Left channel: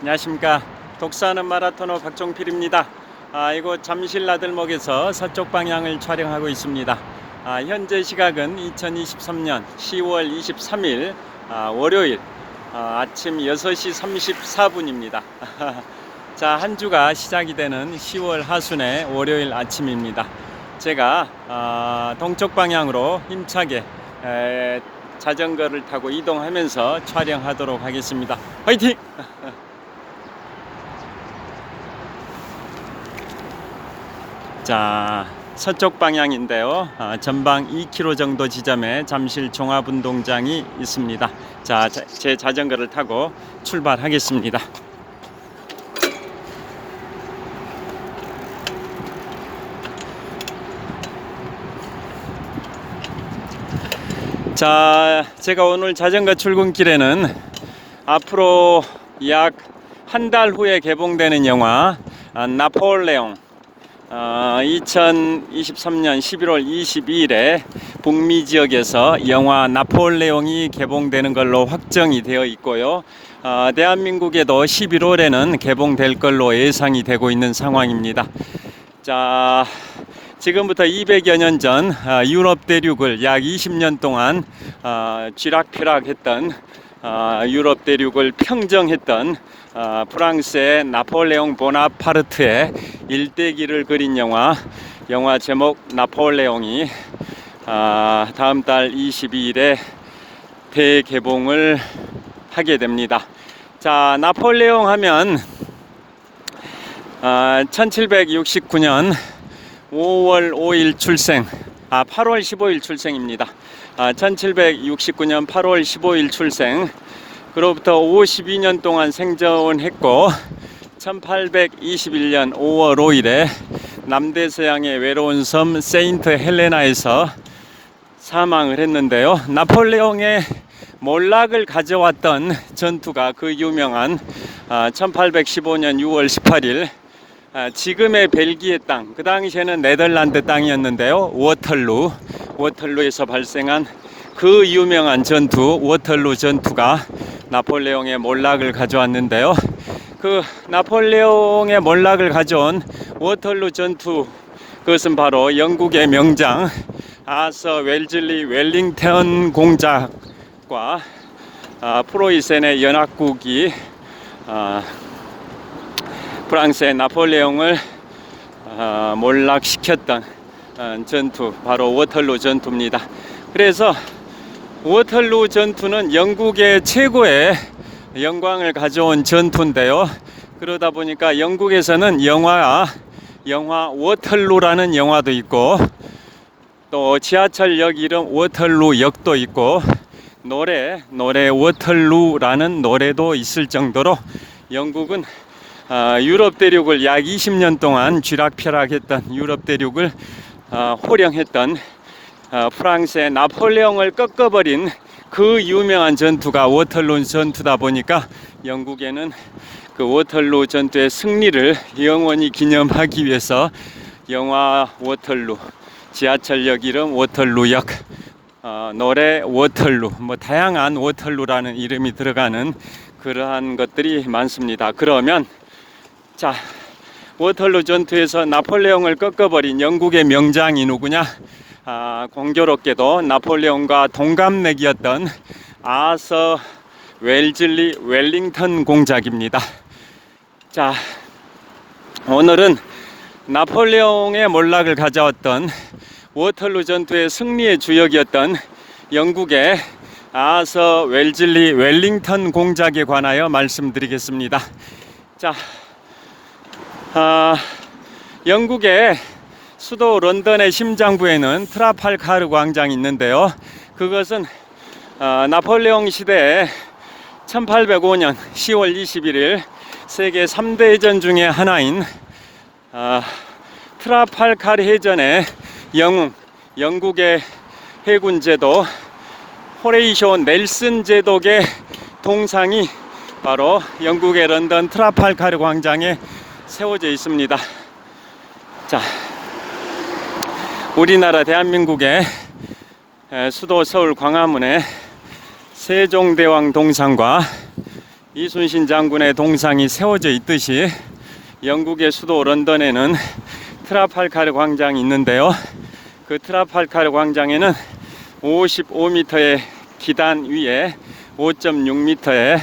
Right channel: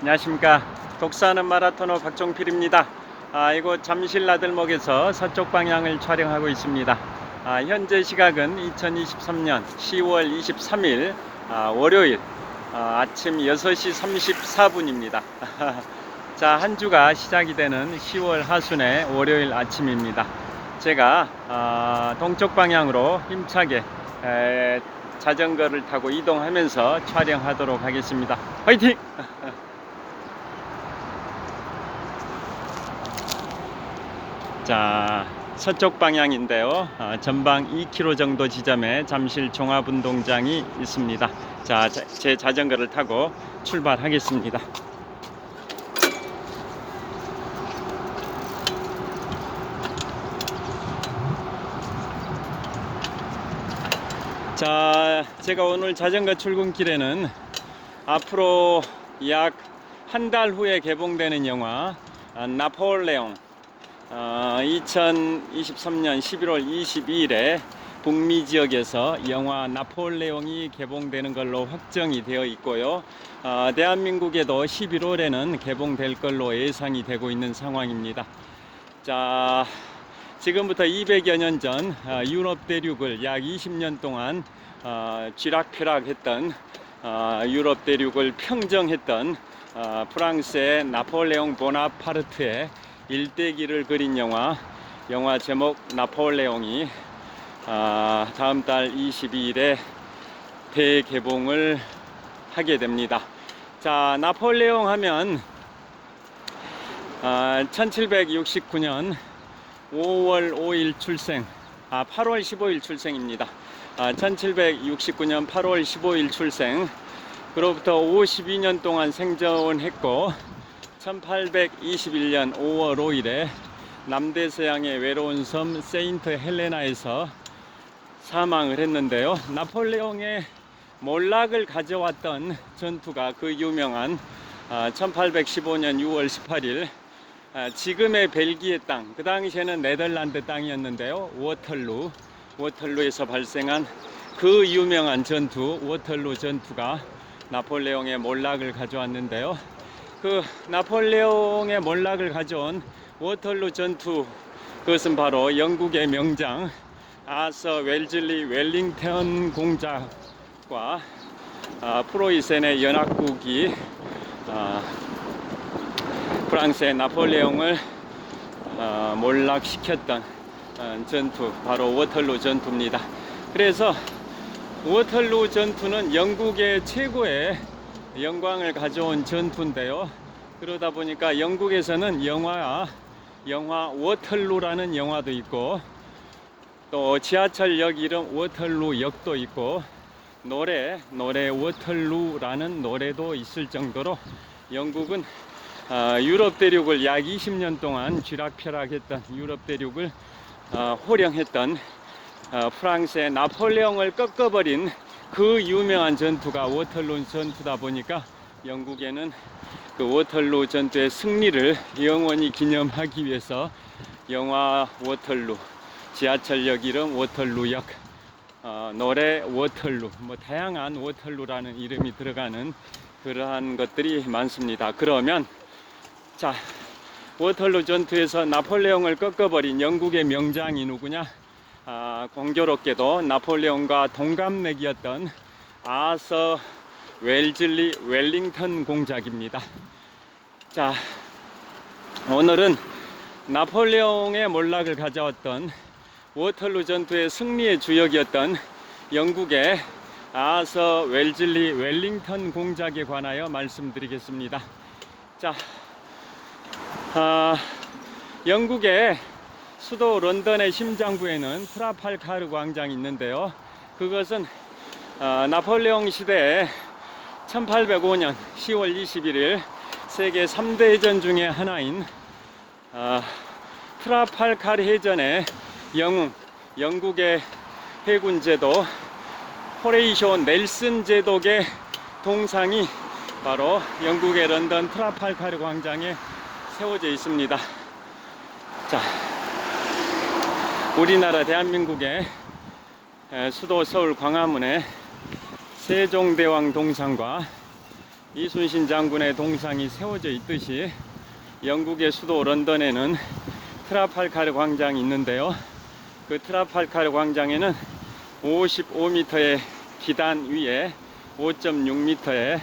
안녕하십니까. 독사하는 마라토너 박종필입니다. 이곳 잠실 나들목에서 서쪽 방향을 촬영하고 있습니다. 현재 시각은 2023년 10월 23일 월요일 아침 6시 34분입니다. 자, 한 주가 시작이 되는 10월 하순의 월요일 아침입니다. 제가 동쪽 방향으로 힘차게 자전거를 타고 이동하면서 촬영하도록 하겠습니다. 화이팅! 자, 서쪽 방향인데요. 전방 2km 정도 지점에 잠실 종합운동장이 있습니다. 자, 제 자전거를 타고 출발하겠습니다. 자, 제가 오늘 자전거 출근길에는 앞으로 약 한 달 후에 개봉되는 영화 나폴레옹 2023년 11월 22일에 북미 지역에서 영화 나폴레옹이 개봉되는 걸로 확정이 되어 있고요. 대한민국에도 11월에는 개봉될 걸로 예상이 되고 있는 상황입니다. 자, 지금부터 200여 년 전 유럽 대륙을 약 20년 동안 쥐락펴락했던 유럽 대륙을 평정했던 프랑스의 나폴레옹 보나파르트의 일대기를 그린 영화 제목 나폴레옹이 다음 달 22일에 대개봉을 하게 됩니다. 자, 나폴레옹 하면 1769년 5월 5일 출생, 8월 15일 출생입니다. 1769년 8월 15일 출생, 그로부터 52년 동안 생존했고 1821년 5월 5일에 남대서양의 외로운 섬 세인트 헬레나에서 사망을 했는데요. 나폴레옹의 몰락을 가져왔던 전투가 그 유명한 1815년 6월 18일 지금의 벨기에 땅, 그 당시에는 네덜란드 땅이었는데요. 워털루에서 발생한 그 유명한 전투, 워털루 전투가 나폴레옹의 몰락을 가져왔는데요. 그 나폴레옹의 몰락을 가져온 워털루 전투, 그것은 바로 영국의 명장 아서 웰즐리 웰링턴 공작과 프로이센의 연합국이 프랑스의 나폴레옹을 몰락시켰던 전투, 바로 워털루 전투입니다. 그래서 워털루 전투는 영국의 최고의 영광을 가져온 전투인데요. 그러다 보니까 영국에서는 영화 워털루라는 영화도 있고, 또 지하철역 이름 워털루역도 있고, 노래 워털루라는 노래도 있을 정도로 영국은 유럽 대륙을 약 20년 동안 쥐락펴락했던, 유럽 대륙을 호령했던 프랑스의 나폴레옹을 꺾어버린 그 유명한 전투가 워털루 전투다 보니까 영국에는 그 워털루 전투의 승리를 영원히 기념하기 위해서 영화 워털루, 지하철역 이름 워털루역, 노래 워털루, 다양한 워털루라는 이름이 들어가는 그러한 것들이 많습니다. 그러면 자, 워털루 전투에서 나폴레옹을 꺾어버린 영국의 명장이 누구냐? 공교롭게도 나폴레옹과 동갑내기였던 아서 웰즐리 웰링턴 공작입니다. 자, 오늘은 나폴레옹의 몰락을 가져왔던 워털루 전투의 승리의 주역이었던 영국의 아서 웰즐리 웰링턴 공작에 관하여 말씀드리겠습니다. 자, 영국의 수도 런던의 심장부에는 트라팔가르 광장이 있는데요. 그것은 나폴레옹 시대에 1805년 10월 21일 세계 3대 대전 중에 하나인 트라팔카르 해전의 영웅, 영국의 해군 제독 호레이쇼 넬슨 제독의 동상이 바로 영국의 런던 트라팔카르 광장에 세워져 있습니다. 자, 우리나라 대한민국의 수도 서울 광화문에 세종대왕 동상과 이순신 장군의 동상이 세워져 있듯이 영국의 수도 런던에는 트라팔카르 광장이 있는데요. 그 트라팔카르 광장에는 55m의 기단 위에 5.6m의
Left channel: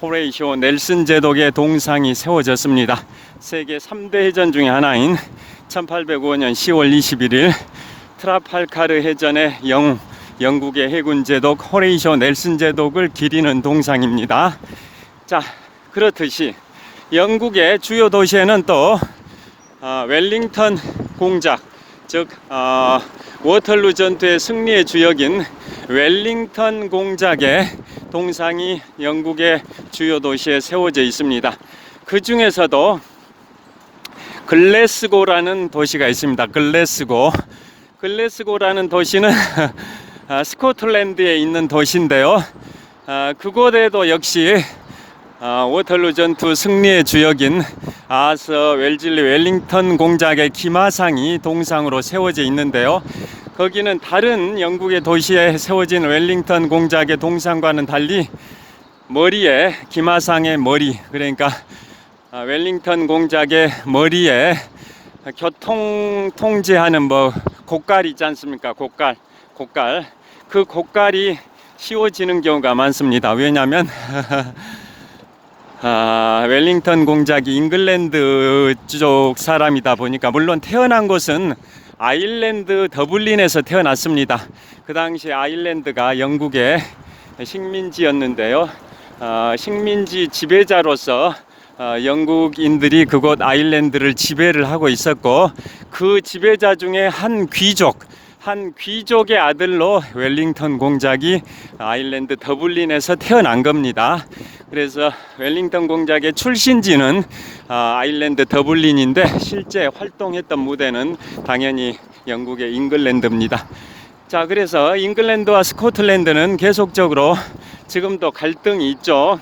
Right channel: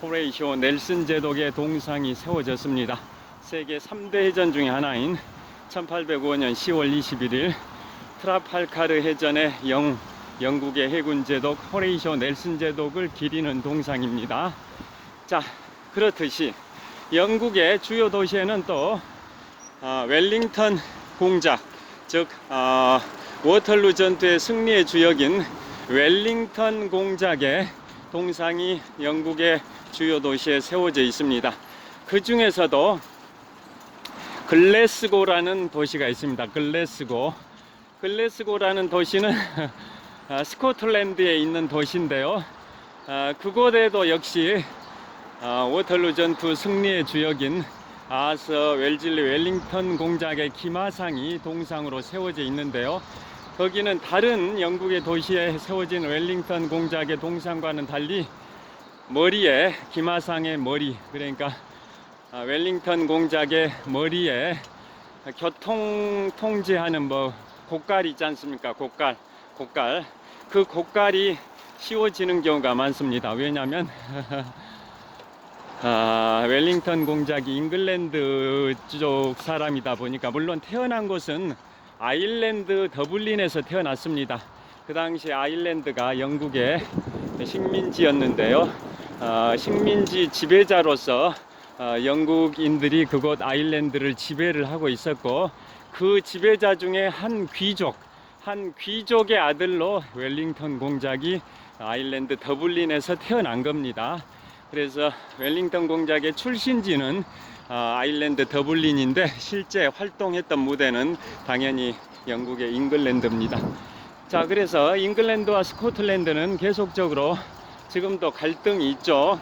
호레이쇼 넬슨 제독의 동상이 세워졌습니다. 세계 3대 해전 중에 하나인 1805년 10월 21일 트라팔카르 해전의 영웅, 영국의 해군 제독 호레이쇼 넬슨 제독을 기리는 동상입니다. 자, 그렇듯이 영국의 주요 도시에는 또 웰링턴 공작, 즉 워털루 전투의 승리의 주역인 웰링턴 공작의 동상이 영국의 주요 도시에 세워져 있습니다. 그 중에서도 글래스고라는 도시가 있습니다. 글래스고라는 도시는 스코틀랜드에 있는 도시인데요. 그곳에도 역시 워털루 전투 승리의 주역인 아서 웰즐리 웰링턴 공작의 기마상이 동상으로 세워져 있는데요. 거기는 다른 영국의 도시에 세워진 웰링턴 공작의 동상과는 달리 머리에, 기마상의 머리, 그러니까 웰링턴 공작의 머리에 교통 통제하는 곡갈 있지 않습니까? 곡갈. 그 곡갈이 씌워지는 경우가 많습니다. 왜냐하면 웰링턴 공작이 잉글랜드 쪽 사람이다 보니까, 물론 태어난 곳은 아일랜드 더블린에서 태어났습니다. 그 당시 아일랜드가 영국의 식민지였는데요. 식민지 지배자로서 영국인들이 그곳 아일랜드를 지배를 하고 있었고, 그 지배자 중에 한 귀족의 아들로 웰링턴 공작이 아일랜드 더블린에서 태어난 겁니다. 그래서 웰링턴 공작의 출신지는 아일랜드 더블린인데 실제 활동했던 무대는 당연히 영국의 잉글랜드입니다. 자, 그래서 잉글랜드와 스코틀랜드는 계속적으로 지금도 갈등이 있죠.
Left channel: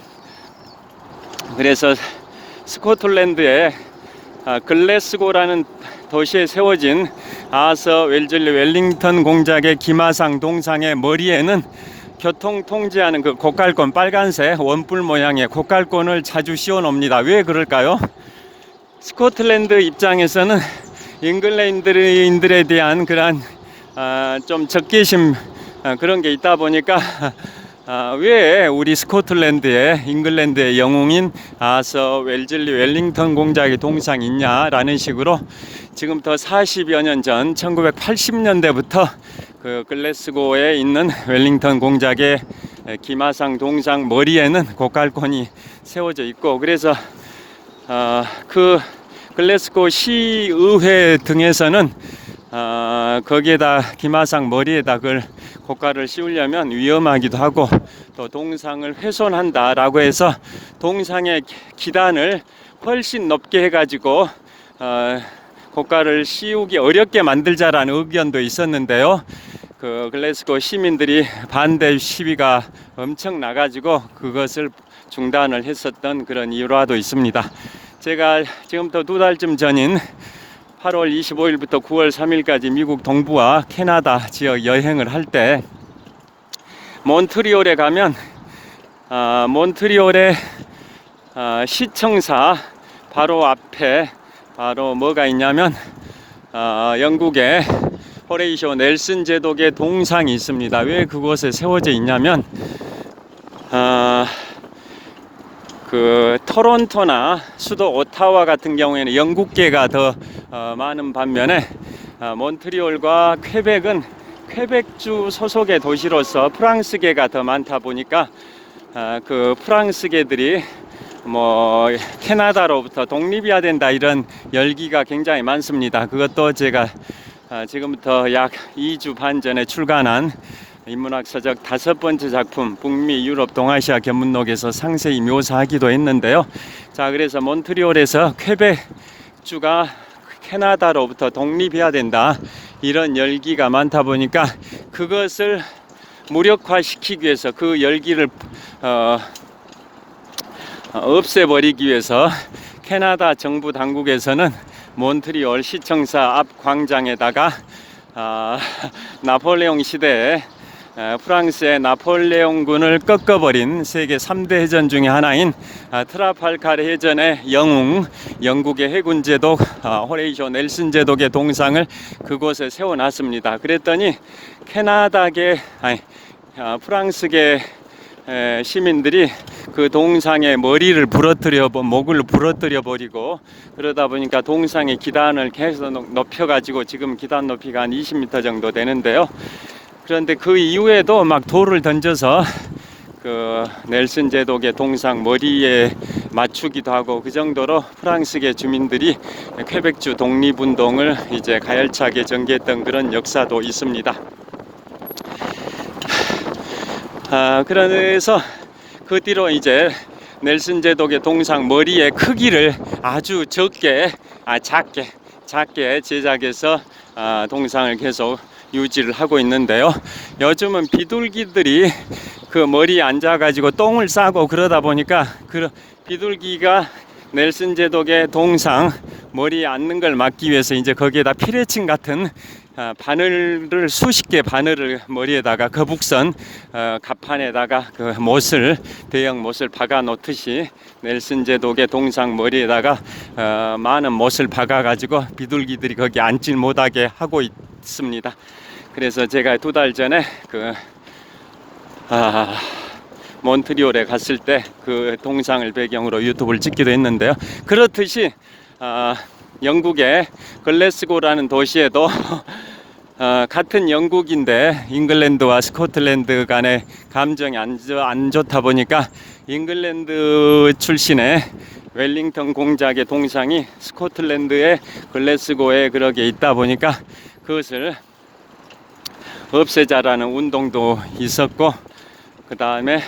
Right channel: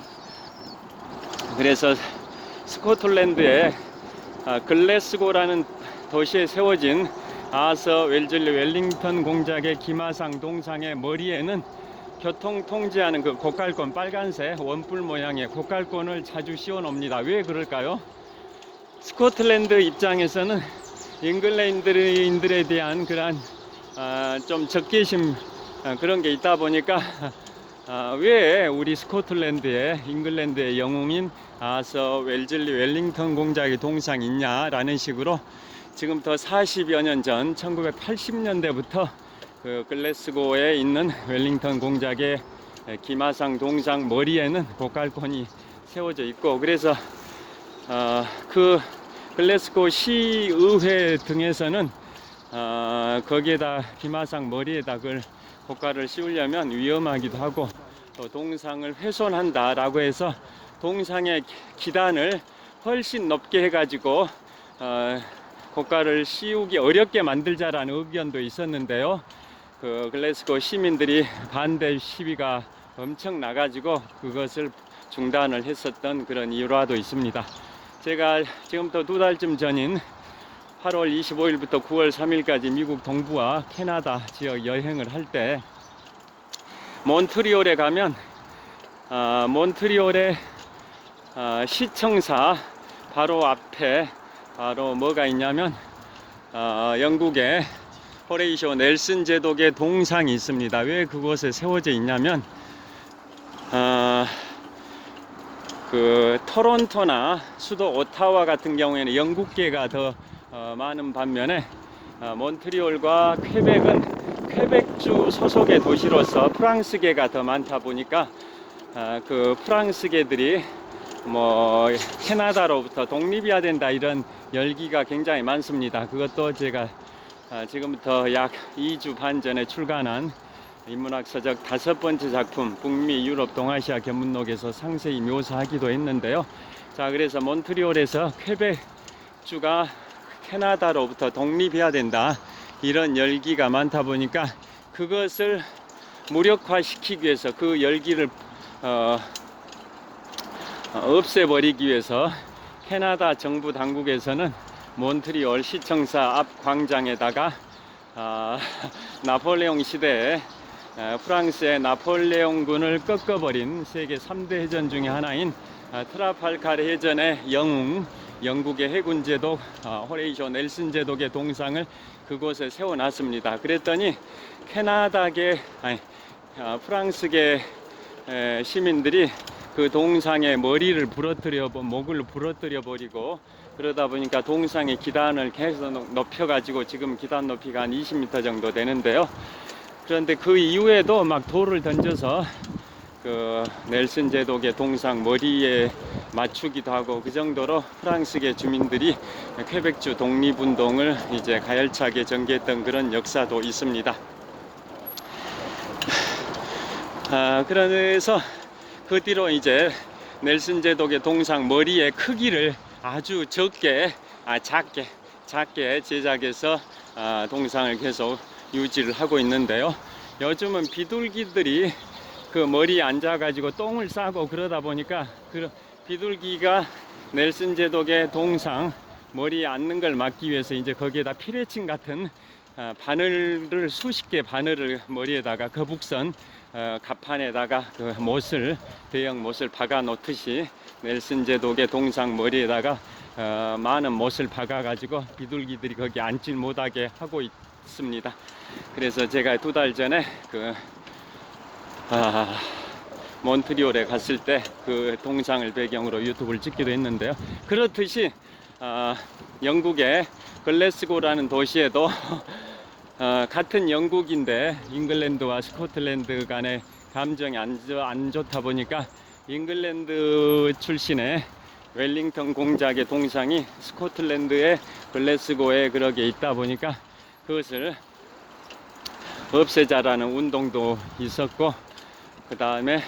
그래서 스코틀랜드의 글래스고라는 도시에 세워진 아서 웰즐리 웰링턴 공작의 기마상 동상의 머리에는 교통 통제하는 그 곡갈권, 빨간색 원뿔 모양의 곡갈권을 자주 씌워 놓습니다. 왜 그럴까요? 스코틀랜드 입장에서는 잉글랜드인들에 대한 그러한 좀 적개심 그런 게 있다 보니까 왜 우리 스코틀랜드에 잉글랜드의 영웅인 아서 웰즐리 웰링턴 공작의 동상이 있냐라는 식으로 지금부터 40여 년 전 1980년대부터 그 글래스고에 있는 웰링턴 공작의 기마상 동상 머리에는 곡갈권이 세워져 있고, 그래서 그 글래스고 시의회 등에서는 거기에다 기마상 머리에다 그 곡갈을 씌우려면 위험하기도 하고 또 동상을 훼손한다라고 해서 동상의 기단을 훨씬 높게 해가지고 곡갈을 씌우기 어렵게 만들자라는 의견도 있었는데요. 그 글래스고 시민들이 반대 시위가 엄청 나가지고 그것을 중단을 했었던 그런 일화도 있습니다. 제가 지금부터 2달쯤 전인 8월 25일부터 9월 3일까지 미국 동부와 캐나다 지역 여행을 할 때 몬트리올에 가면 몬트리올의 시청사 바로 앞에 바로 뭐가 있냐면 영국의 호레이쇼 넬슨 제독의 동상이 있습니다. 왜 그곳에 세워져 있냐면 그 토론토나 수도 오타와 같은 경우에는 영국계가 더 많은 반면에 몬트리올과 퀘벡은 퀘벡주 소속의 도시로서 프랑스계가 더 많다 보니까 그 프랑스계들이 캐나다로부터 독립해야 된다 이런 열기가 굉장히 많습니다. 그것도 제가 지금부터 약 2주 반 전에 출간한 인문학 서적 5번째 작품 북미 유럽 동아시아 견문록에서 상세히 묘사하기도 했는데요. 자, 그래서 몬트리올에서 캐나다로부터 독립해야 된다, 이런 열기가 많다 보니까 그것을 무력화시키기 위해서, 그 열기를 없애버리기 위해서 캐나다 정부 당국에서는 몬트리올 시청사 앞 광장에다가 나폴레옹 시대에 프랑스의 나폴레옹군을 꺾어버린 세계 3대 해전 중의 하나인 트라팔카르 해전의 영웅, 영국의 해군 제독 호레이쇼 넬슨 제독의 동상을 그곳에 세워놨습니다. 그랬더니 프랑스계 시민들이 그 동상의 머리를 목을 부러뜨려 버리고, 그러다 보니까 동상의 기단을 계속 높여가지고 지금 기단 높이가 한 20m 정도 되는데요. 그런데 그 이후에도 막 돌을 던져서 그 넬슨 제독의 동상 머리에 맞추기도 하고, 그 정도로 프랑스계 주민들이 퀘벡주 독립운동을 이제 가열차게 전개했던 그런 역사도 있습니다. 그래서 그 뒤로 이제 넬슨 제독의 동상 머리의 크기를 아주 작게 제작해서 동상을 계속 유지를 하고 있는데요. 요즘은 비둘기들이 그 머리에 앉아가지고 똥을 싸고 그러다 보니까 그 비둘기가 넬슨 제독의 동상 머리에 앉는 걸 막기 위해서 이제 거기에다 피레침 같은 바늘을, 수십 개 바늘을 머리에다가 거북선 갑판에다가 그 대형 못을 박아 놓듯이 넬슨 제독의 동상 머리에다가 많은 못을 박아 가지고 비둘기들이 거기 앉질 못하게 하고 있습니다. 그래서 제가 2달 전에 몬트리올에 갔을 때 그 동상을 배경으로 유튜브를 찍기도 했는데요. 그렇듯이 영국의 글래스고라는 도시에도 같은 영국인데 잉글랜드와 스코틀랜드 간의 감정이 안 좋다 보니까 잉글랜드 출신의 웰링턴 공작의 동상이 스코틀랜드의 글래스고에 그렇게 있다 보니까 그것을 없애자라는 운동도 있었고, 그 다음에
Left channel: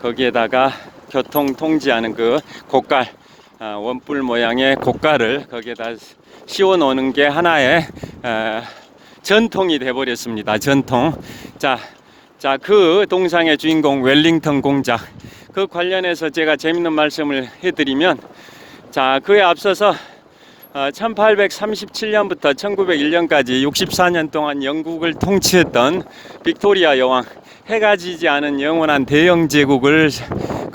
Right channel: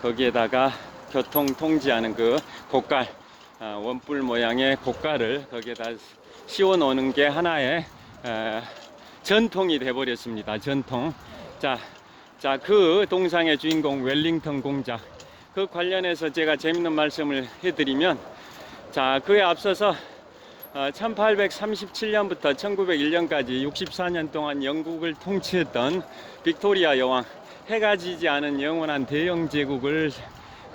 거기에다가 교통 통제하는 그 곶갈, 원뿔 모양의 곶갈을 거기에다 씌워 놓는 게 하나의 전통이 되어버렸습니다. 전통. 자, 그 동상의 주인공 웰링턴 공작, 그 관련해서 제가 재밌는 말씀을 해드리면, 그에 앞서서 1837년부터 1901년까지 64년 동안 영국을 통치했던 빅토리아 여왕, 해가 지지 않은 영원한 대영 제국을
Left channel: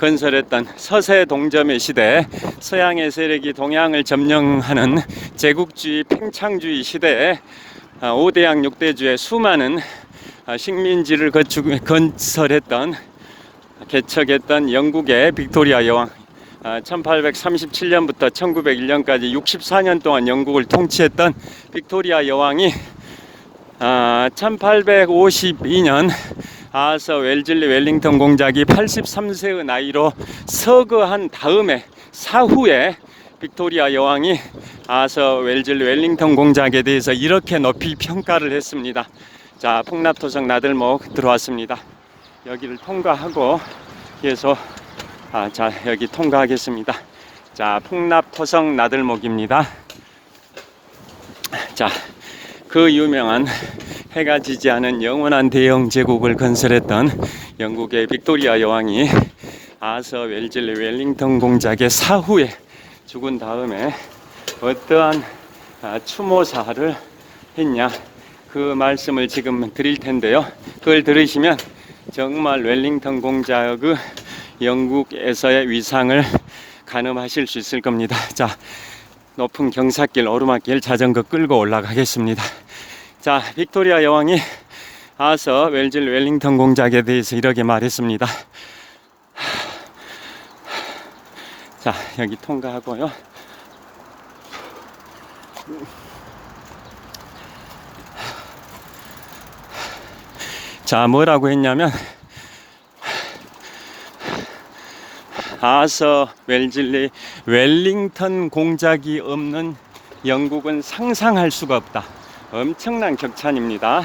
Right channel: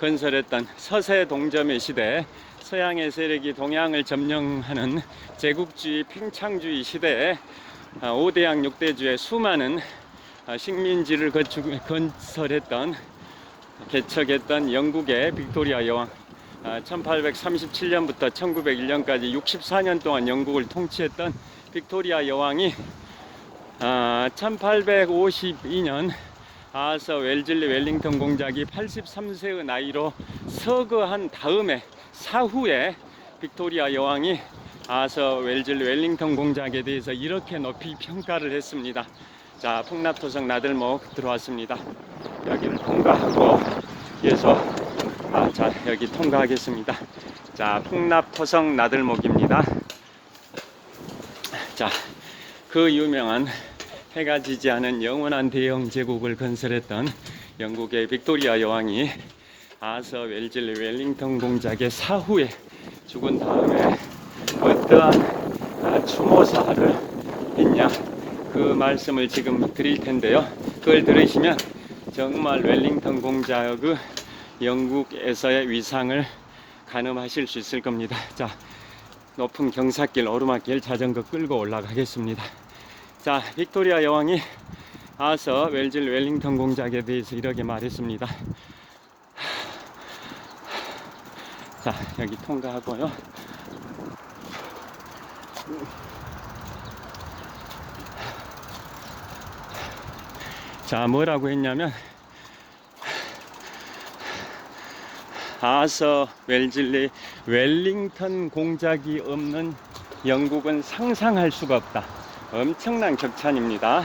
건설했던 서세 동점의 시대, 서양의 세력이 동양을 점령하는 제국주의 팽창주의 시대에 5대양 6대주의 수많은 식민지를 개척했던 영국의 빅토리아 여왕, 1837년부터 1901년까지 64년 동안 영국을 통치했던 빅토리아 여왕이 1852년 아서 웰즐리 웰링턴 공작이 83세의 나이로 서거한 사후에 빅토리아 여왕이 아서 웰즐리 웰링턴 공작에 대해서 이렇게 높이 평가를 했습니다. 자, 풍납토성 나들목 들어왔습니다. 여기를 통과하고 계속 여기 통과하겠습니다. 자, 풍납토성 나들목입니다. 자, 그 유명한 해가 지지 않은 영원한 대영 제국을 건설했던 영국의 빅토리아 여왕이 아서 웰즐리 웰링턴 공작의 사후에 죽은 다음에 어떠한 추모사를 했냐, 그 말씀을 지금 드릴 텐데요. 그걸 들으시면 정말 웰링턴 공작의 영국에서의 위상을 가늠하실 수 있을 겁니다. 자, 높은 경사길, 오르막길 자전거 끌고 올라가겠습니다. 자, 빅토리아 여왕이 아서 웰즐리 웰링턴 공작에 대해서 이렇게 말했습니다. 자, 여기 통과하고요. 자, 뭐라고 했냐면, 아서 웰즐리 웰링턴 공작이 없는 영국은 상상할 수가 없다. 엄청난 격찬입니다.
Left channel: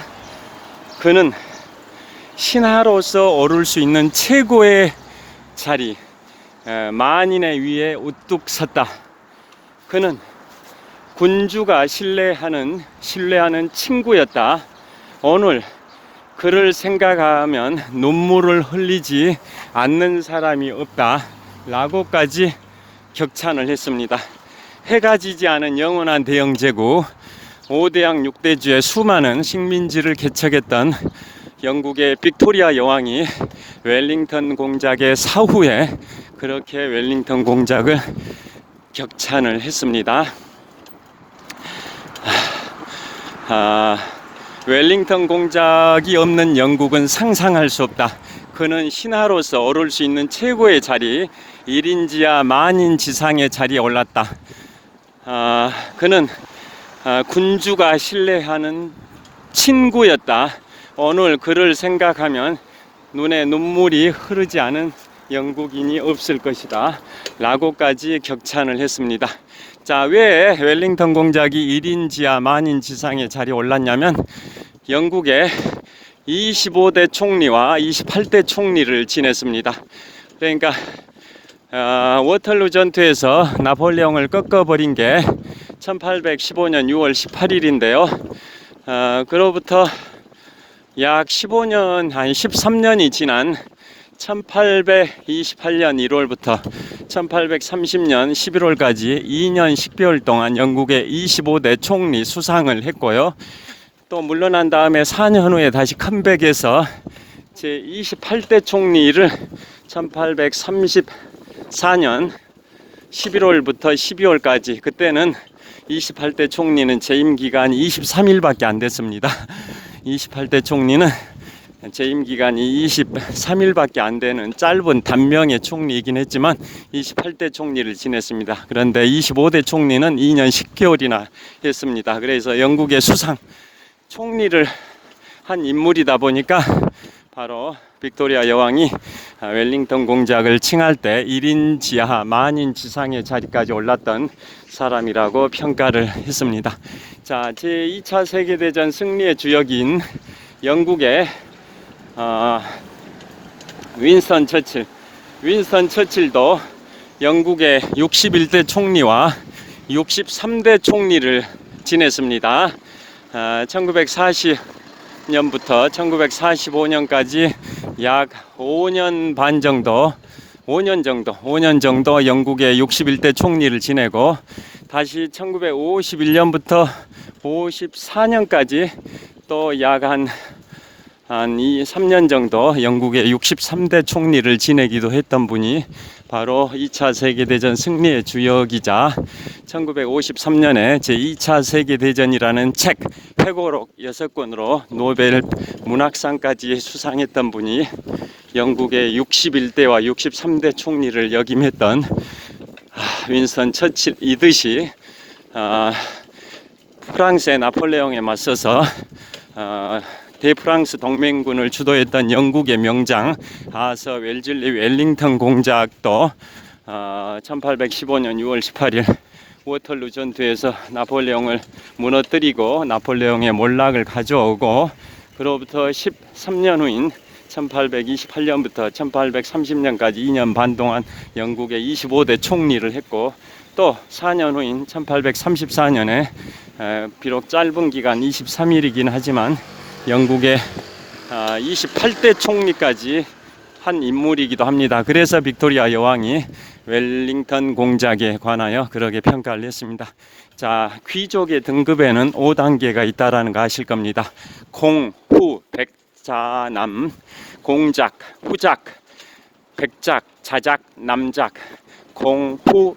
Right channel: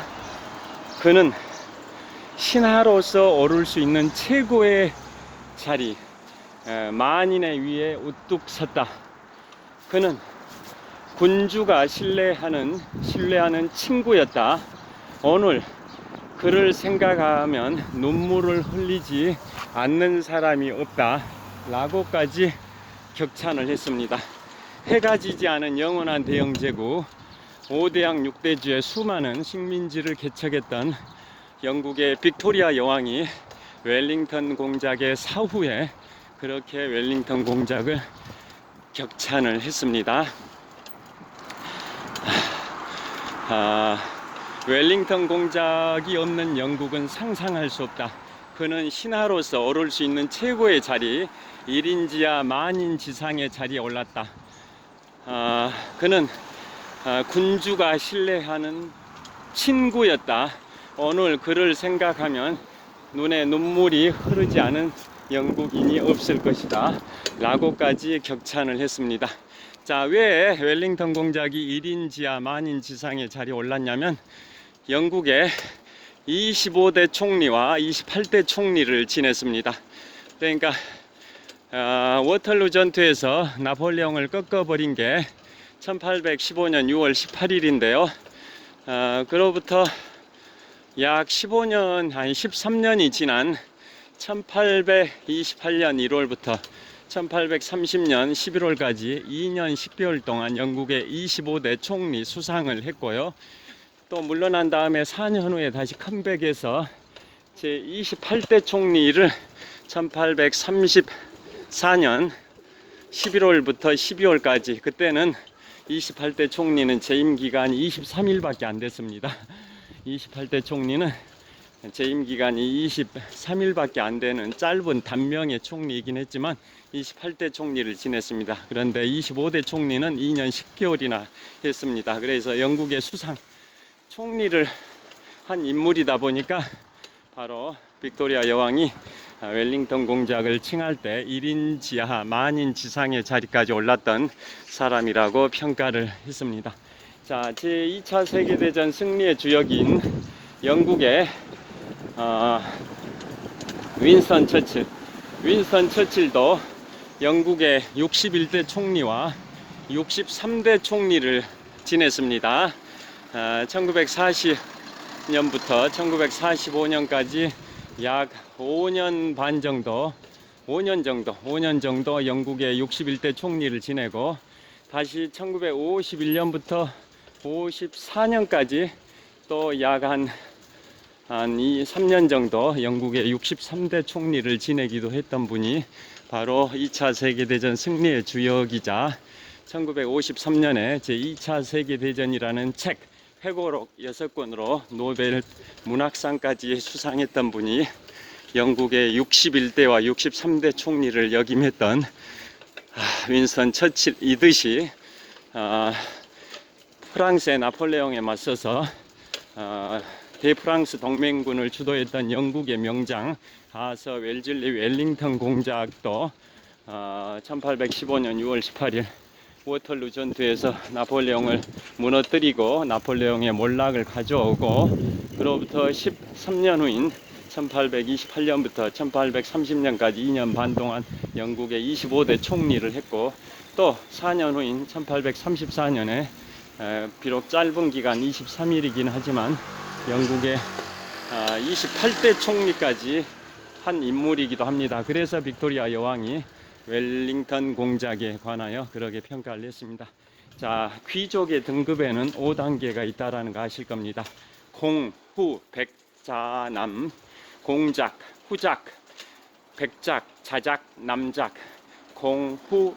그는 신하로서 오를 수 있는 최고의 자리, 만인의 위에 우뚝 섰다. 그는 군주가 신뢰하는 친구였다. 오늘 그를 생각하면 눈물을 흘리지 않는 사람이 없다. 라고까지 격찬을 했습니다. 해가 지지 않은 영원한 대영제국 5대양 6대주의 수많은 식민지를 개척했던 영국의 빅토리아 여왕이 웰링턴 공작의 사후에 그렇게 웰링턴 공작을 격찬을 했습니다. 웰링턴 공작이 없는 영국은 상상할 수 없다. 그는 신하로서 오를 수 있는 최고의 자리, 1인지하 만인지상의 자리에 올랐다. 그는 군주가 신뢰하는 친구였다. 오늘 그를 생각하면 눈에 눈물이 흐르지 않은 영국인이 없을 것이다. 라고까지 격찬을 했습니다. 자, 왜 웰링턴 공작이 1인지하 만인지상의 자리에 올랐냐면 영국의 25대 총리와 28대 총리를 지냈습니다. 그러니까 워털루 전투에서 나폴레옹을 꺾어버린 게 1815년 6월 18일인데요. 그로부터 약 15년, 한 13년이 지난 1828년 1월부터 1830년 11월까지 2년 10개월 동안 영국의 25대 총리 수상을 했고요. 또 물러난 다음에 4년 후에 다시 컴백해서 제 28대 총리를 1834년 11월부터 12월까지, 그때는 28대 총리는 재임 기간이 23일밖에 안 됐습니다. 28대 총리는 재임 기간이 23일밖에 안 되는 짧은 단명의 총리이긴 했지만 28대 총리를 지냈습니다. 그런데 25대 총리는 2년 10개월이나 했습니다. 그래서 영국의 수상 총리를 한 인물이다 보니까 바로 빅토리아 여왕이 웰링턴 공작을 칭할 때 1인 지하 만인 지상의 자리까지 올랐던 사람이라고 평가를 했습니다. 자, 제2차 세계대전 승리의 주역인 영국의 윈스턴 처칠도 영국의 61대 총리와 63대 총리를 지냈습니다. 1940년부터 1945년까지 약 5년 정도 영국의 61대 총리를 지내고, 다시 1951년부터 54년까지 또 약 한 3년 정도 영국의 63대 총리를 지내기도 했던 분이 바로 2차 세계대전 승리의 주역이자 1953년에 제2차 세계대전이라는 책 회고록 6권으로 노벨 문학상까지 수상했던 분이 영국의 61대와 63대 총리를 역임했던 윈스턴 처칠이듯이 프랑스의 나폴레옹에 맞서서 대프랑스 동맹군을 주도했던 영국의 명장 아서 웰즐리 웰링턴 공작도 1815년 6월 18일 워털루 전투에서 나폴레옹을 무너뜨리고 나폴레옹의 몰락을 가져오고, 그로부터 13년 후인 1828년부터 1830년까지 2년 반 동안 영국의 25대 총리를 했고, 또 4년 후인 1834년에 비록 짧은 기간 23일이긴 하지만 영국의 28대 총리까지 한 인물이기도 합니다. 그래서 빅토리아 여왕이 웰링턴 공작에 관하여 그렇게 평가를 했습니다. 자, 귀족의 등급에는 5단계가 있다라는 거 아실 겁니다. 공, 후, 백자남, 공작, 후작, 백작, 자작, 남작, 공, 후,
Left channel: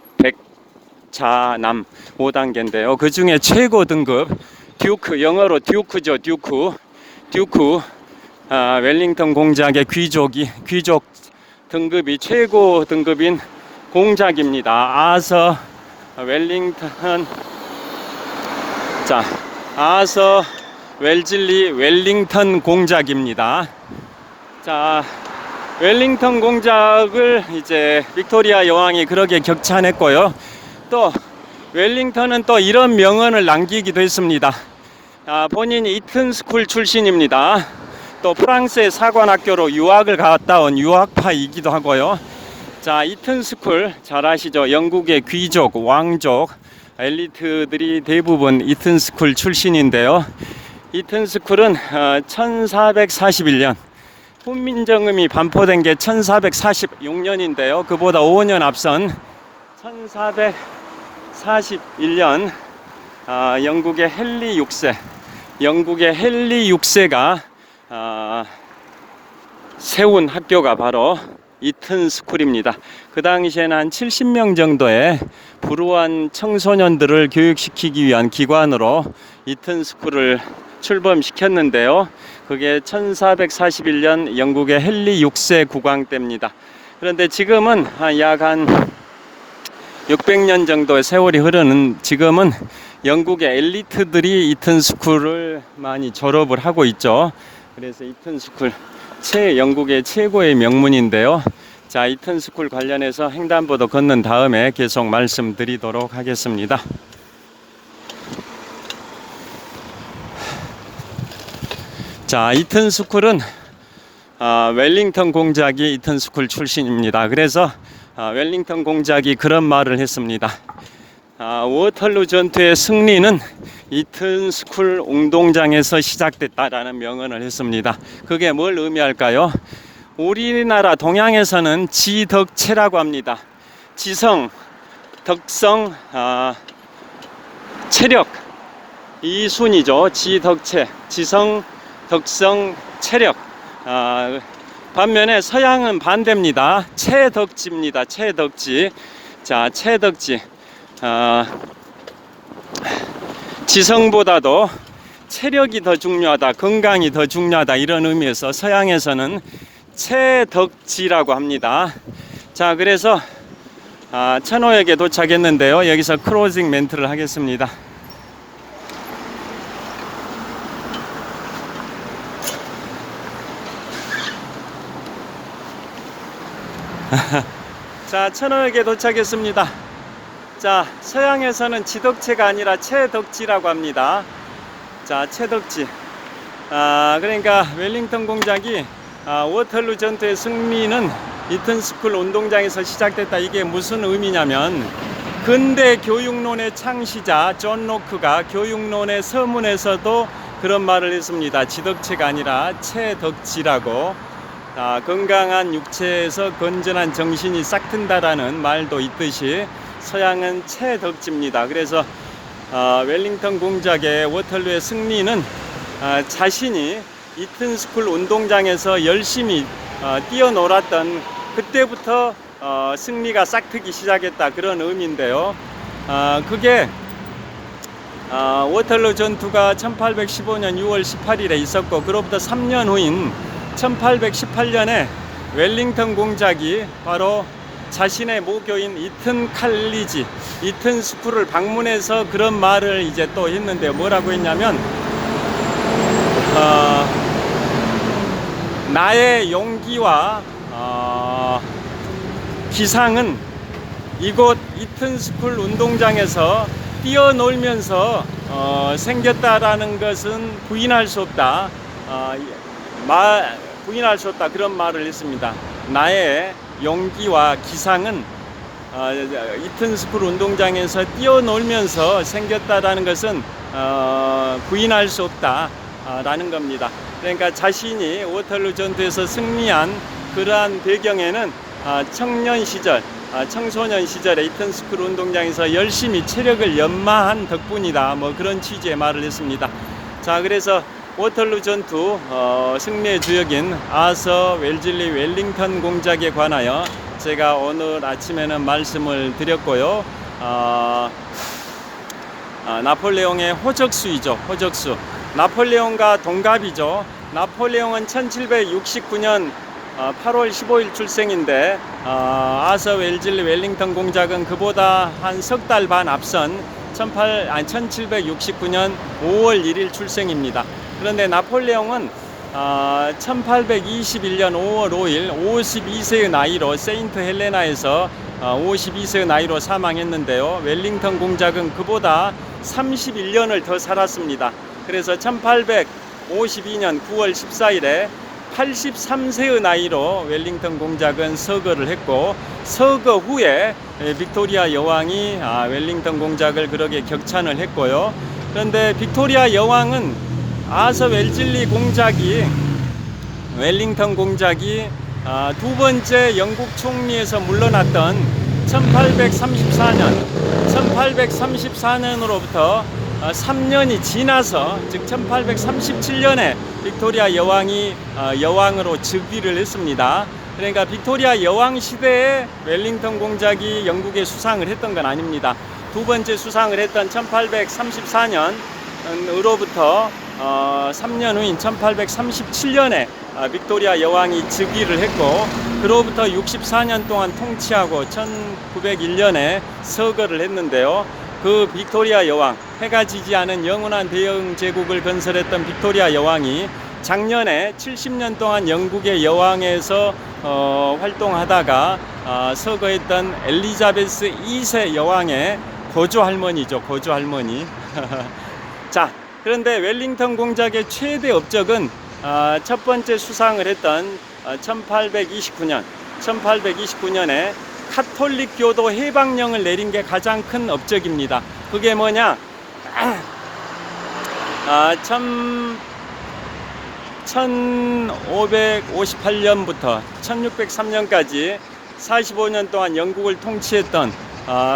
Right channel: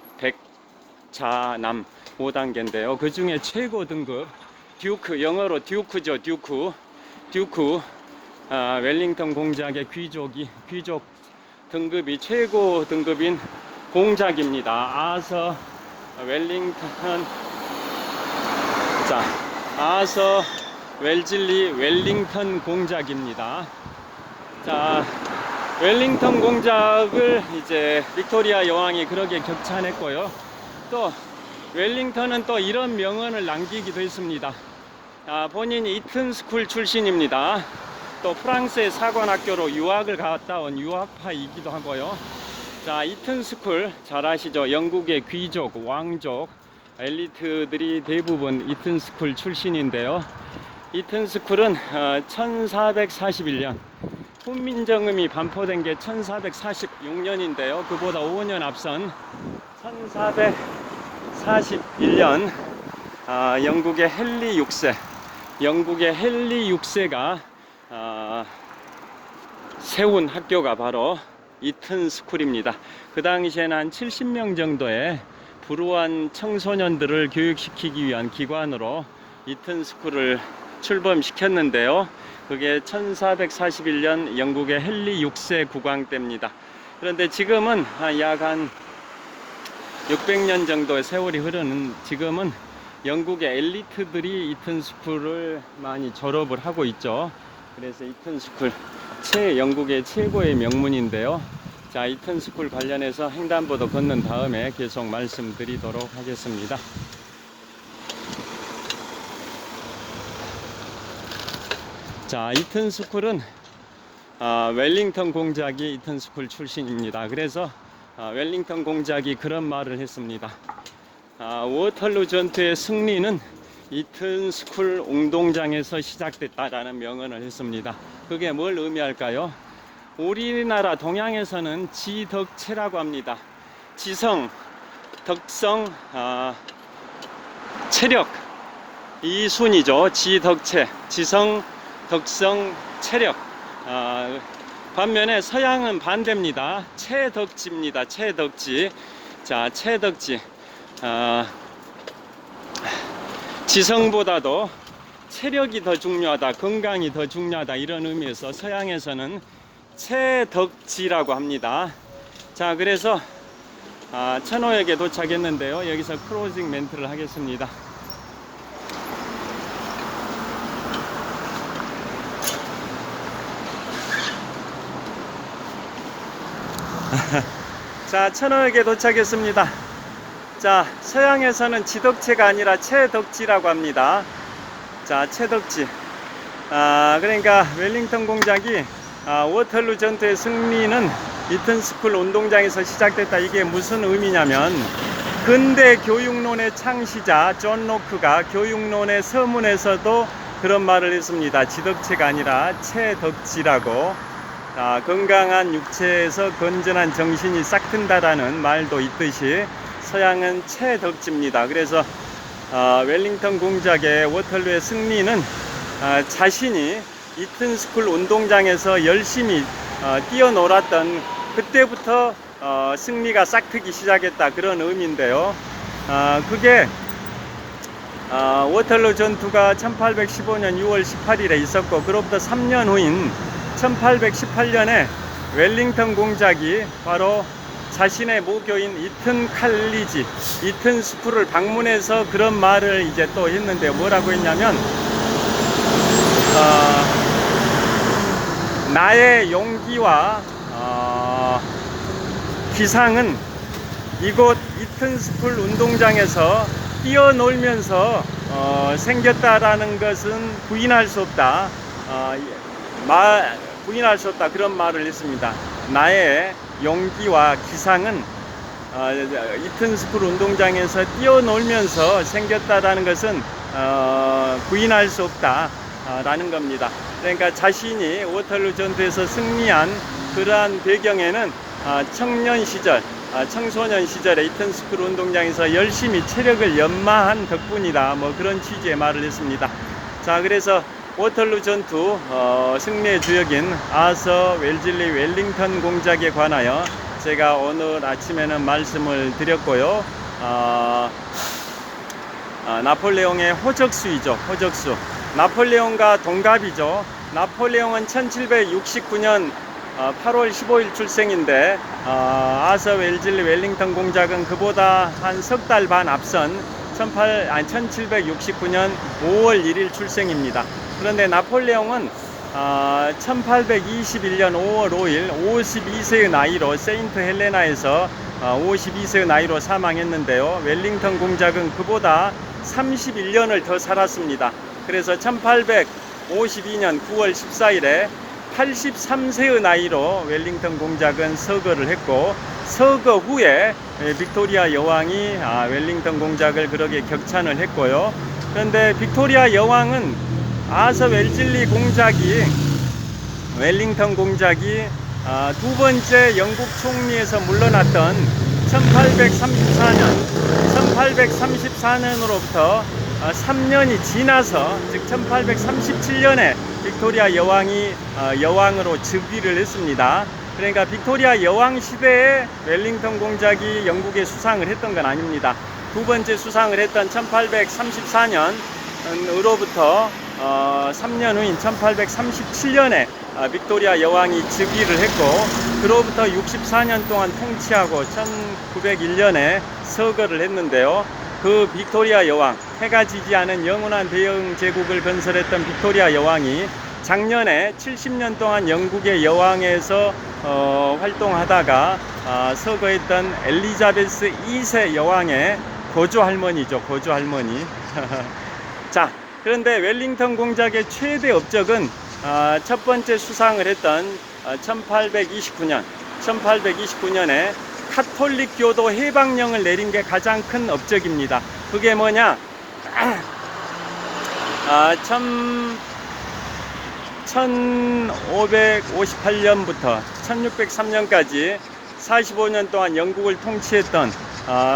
백자남 5단계인데요. 그 중에 최고 등급 듀크, 영어로 듀크죠. 듀크, 웰링턴 공작의 귀족 등급이 최고 등급인 공작입니다. 아서 웰링턴, 아서 웰즐리 웰링턴 공작입니다. 자, 웰링턴 공작을 이제 빅토리아 여왕이 그렇게 격찬했고요. 또 웰링턴은 또 이런 명언을 남기기도 했습니다. 본인이 이튼 스쿨 출신입니다. 또 프랑스의 사관학교로 유학을 갔다 온 유학파이기도 하고요. 자, 이튼 스쿨 잘 아시죠? 영국의 귀족, 왕족, 엘리트들이 대부분 이튼스쿨 출신인데요. 이튼스쿨은 1441년 훈민정음이 반포된 게 1446년인데요. 그보다 5년 앞선 1441년 영국의 헨리 6세가 세운 학교가 바로 이튼스쿨입니다. 그 당시에는 한 70명 정도의 불우한 청소년들을 교육시키기 위한 기관으로 이튼스쿨을 출범시켰는데요. 그게 1441년 영국의 헨리 6세 국왕 때입니다. 그런데 지금은 약 한 600년 정도의 세월이 흐르는 지금은 영국의 엘리트들이 이튼스쿨을 많이 졸업을 하고 있죠. 그래서 이튼스쿨 영국의 최고의 명문인데요. 자, 이튼스쿨 관련해서 횡단보도 걷는 다음에 계속 말씀드리도록 하겠습니다. 자, 이튼스쿨은 웰링턴 공작이 이튼스쿨 출신입니다. 그래서 웰링턴 공작이 그런 말을 했습니다. 워털루 전투의 승리는 이튼스쿨 운동장에서 시작됐다라는 명언을 했습니다. 그게 뭘 의미할까요? 우리나라 동양에서는 지덕체라고 합니다. 지성, 덕성, 체력 이 순이죠. 지덕체, 지성, 덕성, 체력. 반면에 서양은 반대입니다. 체덕지입니다. 체덕지. 자, 체덕지. 지성보다도 체력이 더 중요하다, 건강이 더 중요하다, 이런 의미에서 서양에서는 체덕지라고 합니다. 자, 그래서 천호역에 도착했는데요. 여기서 크로징 멘트를 하겠습니다. 자, 천호역에 도착했습니다. 자, 서양에서는 지덕체가 아니라 체덕지라고 합니다. 자, 체덕지. 그러니까 웰링턴 공작이 워털루 전투의 승리는 이튼스쿨 운동장에서 시작됐다. 이게 무슨 의미냐면 근대 교육론의 창시자 존 로크가 교육론의 서문에서도 그런 말을 했습니다. 지덕체가 아니라 체덕지라고. 건강한 육체에서 건전한 정신이 싹튼다라는 말도 있듯이 서양은 체덕지입니다. 그래서 웰링턴 공작의 워털루의 승리는 자신이 이튼스쿨 운동장에서 열심히 뛰어놀았던 그때부터 승리가 싹트기 시작했다, 그런 의미인데요. 그게 워털루 전투가 1815년 6월 18일에 있었고, 그로부터 3년 후인 1818년에 웰링턴 공작이 바로 자신의 모교인 이튼스쿨을 방문해서 그런 말을 이제 또 했는데, 뭐라고 했냐면 나의 용기와 기상은 이곳 이튼스쿨 운동장에서 뛰어놀면서 생겼다라는 것은 부인할 수 없다. 부인할 수 없다, 그런 말을 했습니다. 나의 용기와 기상은 이튼스쿨 운동장에서 뛰어놀면서 생겼다라는 것은 부인할 수 없다 라는 겁니다. 그러니까 자신이 워털루 전투에서 승리한 그러한 배경에는 청소년 시절에 이튼스쿨 운동장에서 열심히 체력을 연마한 덕분이다, 뭐 그런 취지의 말을 했습니다. 자, 그래서 워털루 전투 승리의 주역인 아서 웰즐리 웰링턴 공작에 관하여 제가 오늘 아침에는 말씀을 드렸고요. 나폴레옹의 호적수이죠. 호적수. 나폴레옹과 동갑이죠. 나폴레옹은 1769년 8월 15일 출생인데 아서 웰즐리 웰링턴 공작은 그보다 한 석 달 반 앞선 1769년 5월 1일 출생입니다. 그런데 나폴레옹은 1821년 5월 5일 52세의 나이로 세인트 헬레나에서 52세의 나이로 사망했는데요. 웰링턴 공작은 그보다 31년을 더 살았습니다. 그래서 1852년 9월 14일에 83세의 나이로 웰링턴 공작은 서거를 했고, 서거 후에 빅토리아 여왕이 웰링턴 공작을 그렇게 격찬을 했고요. 그런데 빅토리아 여왕은 아서 웰즐리 공작이 웰링턴 공작이 두 번째 영국 총리에서 물러났던 1834년으로부터 3년이 지나서, 즉 1837년에 빅토리아 여왕이 여왕으로 즉위를 했습니다. 그러니까 빅토리아 여왕 시대에 웰링턴 공작이 영국에 수상을 했던 건 아닙니다. 두 번째 수상을 했던 1834년으로부터 3년 후인 1837년에 빅토리아 여왕이 즉위를 했고, 그로부터 64년 동안 통치하고 1901년에 서거를 했는데요. 그 빅토리아 여왕, 해가 지지 않은 영원한 대영 제국을 건설했던 빅토리아 여왕이 작년에 70년 동안 영국의 여왕에서 활동하다가 서거했던 엘리자베스 2세 여왕의 고조 할머니죠. 고조 할머니. 자, 그런데 웰링턴 공작의 최대 업적은 첫 번째 수상을 했던 1829년에 카톨릭 교도 해방령을 내린 게 가장 큰 업적입니다. 그게 뭐냐? 1558년부터 1603년까지 45년 동안 영국을 통치했던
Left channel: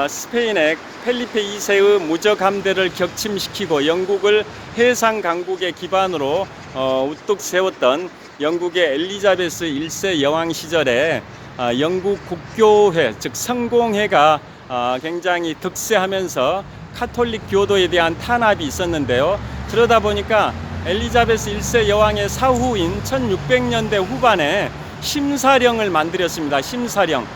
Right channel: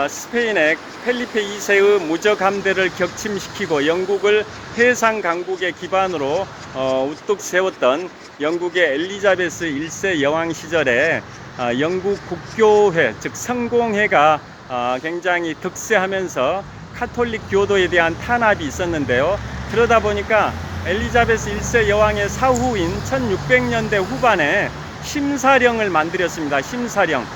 스페인의 펠리페 2세의 무적 함대를 격침시키고 영국을 해상 강국의 기반으로 우뚝 세웠던 영국의 엘리자베스 1세 여왕 시절에 영국 국교회, 즉 성공회가 굉장히 득세하면서 카톨릭 교도에 대한 탄압이 있었는데요. 그러다 보니까 엘리자베스 1세 여왕의 사후인 1600년대 후반에 심사령을 만들었습니다. 심사령.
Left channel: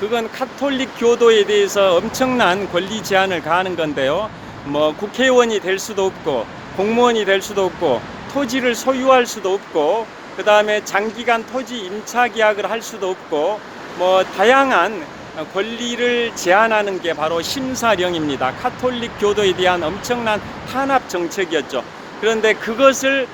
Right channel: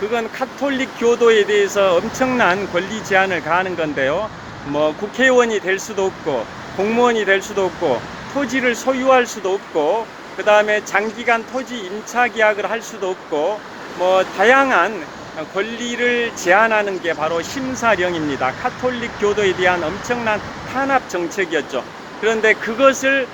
그건 카톨릭 교도에 대해서 엄청난 권리 제한을 가하는 건데요. 뭐 국회의원이 될 수도 없고, 공무원이 될 수도 없고, 토지를 소유할 수도 없고, 그 다음에 장기간 토지 임차 계약을 할 수도 없고, 뭐 다양한 권리를 제한하는 게 바로 심사령입니다. 카톨릭 교도에 대한 엄청난 탄압 정책이었죠. 그런데 그것을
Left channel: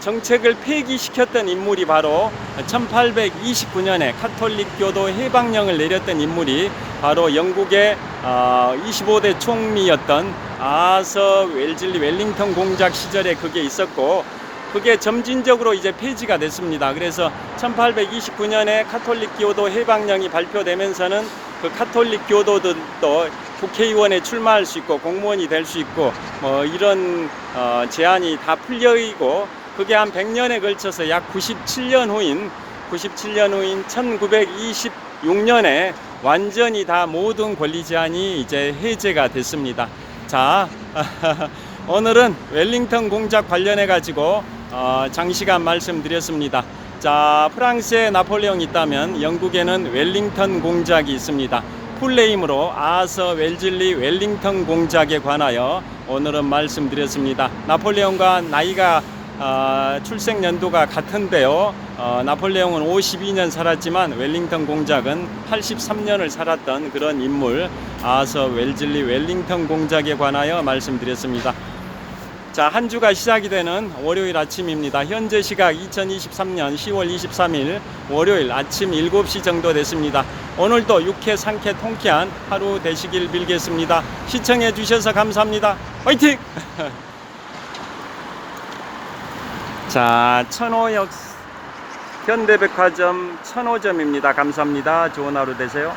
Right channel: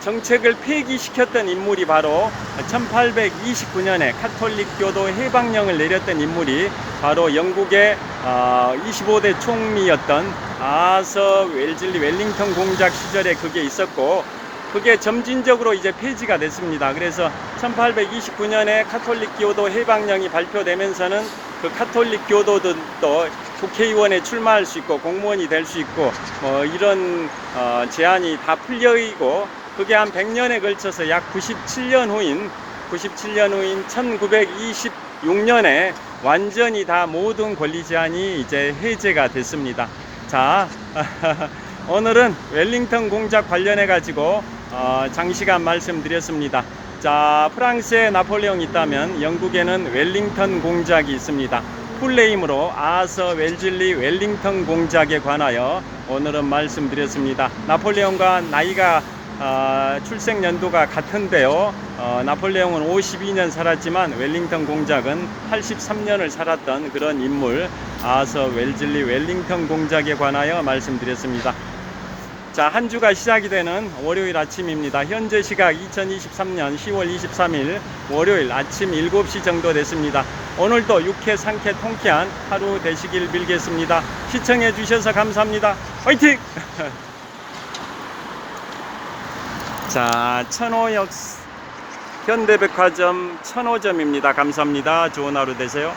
정책을 폐기시켰던 인물이 바로 1829년에 카톨릭 교도 해방령을 내렸던 인물이 바로 영국의 25대 총리였던 아서 웰즐리 웰링턴 공작 시절에 그게 있었고, 그게 점진적으로 이제 폐지가 됐습니다. 그래서 1829년에 카톨릭 교도 해방령이 발표되면서는 그 카톨릭 교도들도 국회의원에 출마할 수 있고 공무원이 될 수 있고 뭐 이런 제한이 다 풀려있고, 그게 한 100년에 걸쳐서 약 97년 후인 1926년에 완전히 다 모든 권리 제한이 이제 해제가 됐습니다. 자, 오늘은 웰링턴 공작 관련해 가지고 장시간 말씀드렸습니다. 자, 프랑스에 나폴레옹이 있다면 영국에는 웰링턴 공작이 있습니다. 풀네임으로 아서 웰즐리 웰링턴 공작에 관하여 오늘은 말씀드렸습니다. 나폴레옹과 나이가 출생 연도가 같은데요. 나폴레옹은 52년 살았지만 웰링턴 공작은 83년을 살았던 그런 인물, 아서 웰즐리 웰링턴 공작에 관하여 말씀드렸습니다. 자, 한 주가 시작이 되는 월요일 아침입니다. 현재 시각 2023년 10월 23일 월요일 아침 7시 정도 됐습니다. 오늘도 유쾌, 상쾌, 통쾌한 하루 되시길 빌겠습니다. 시청해 주셔서 감사합니다. 화이팅! 자, 천호역 현대백화점 천호점입니다. 감사합니다. 좋은 하루 되세요.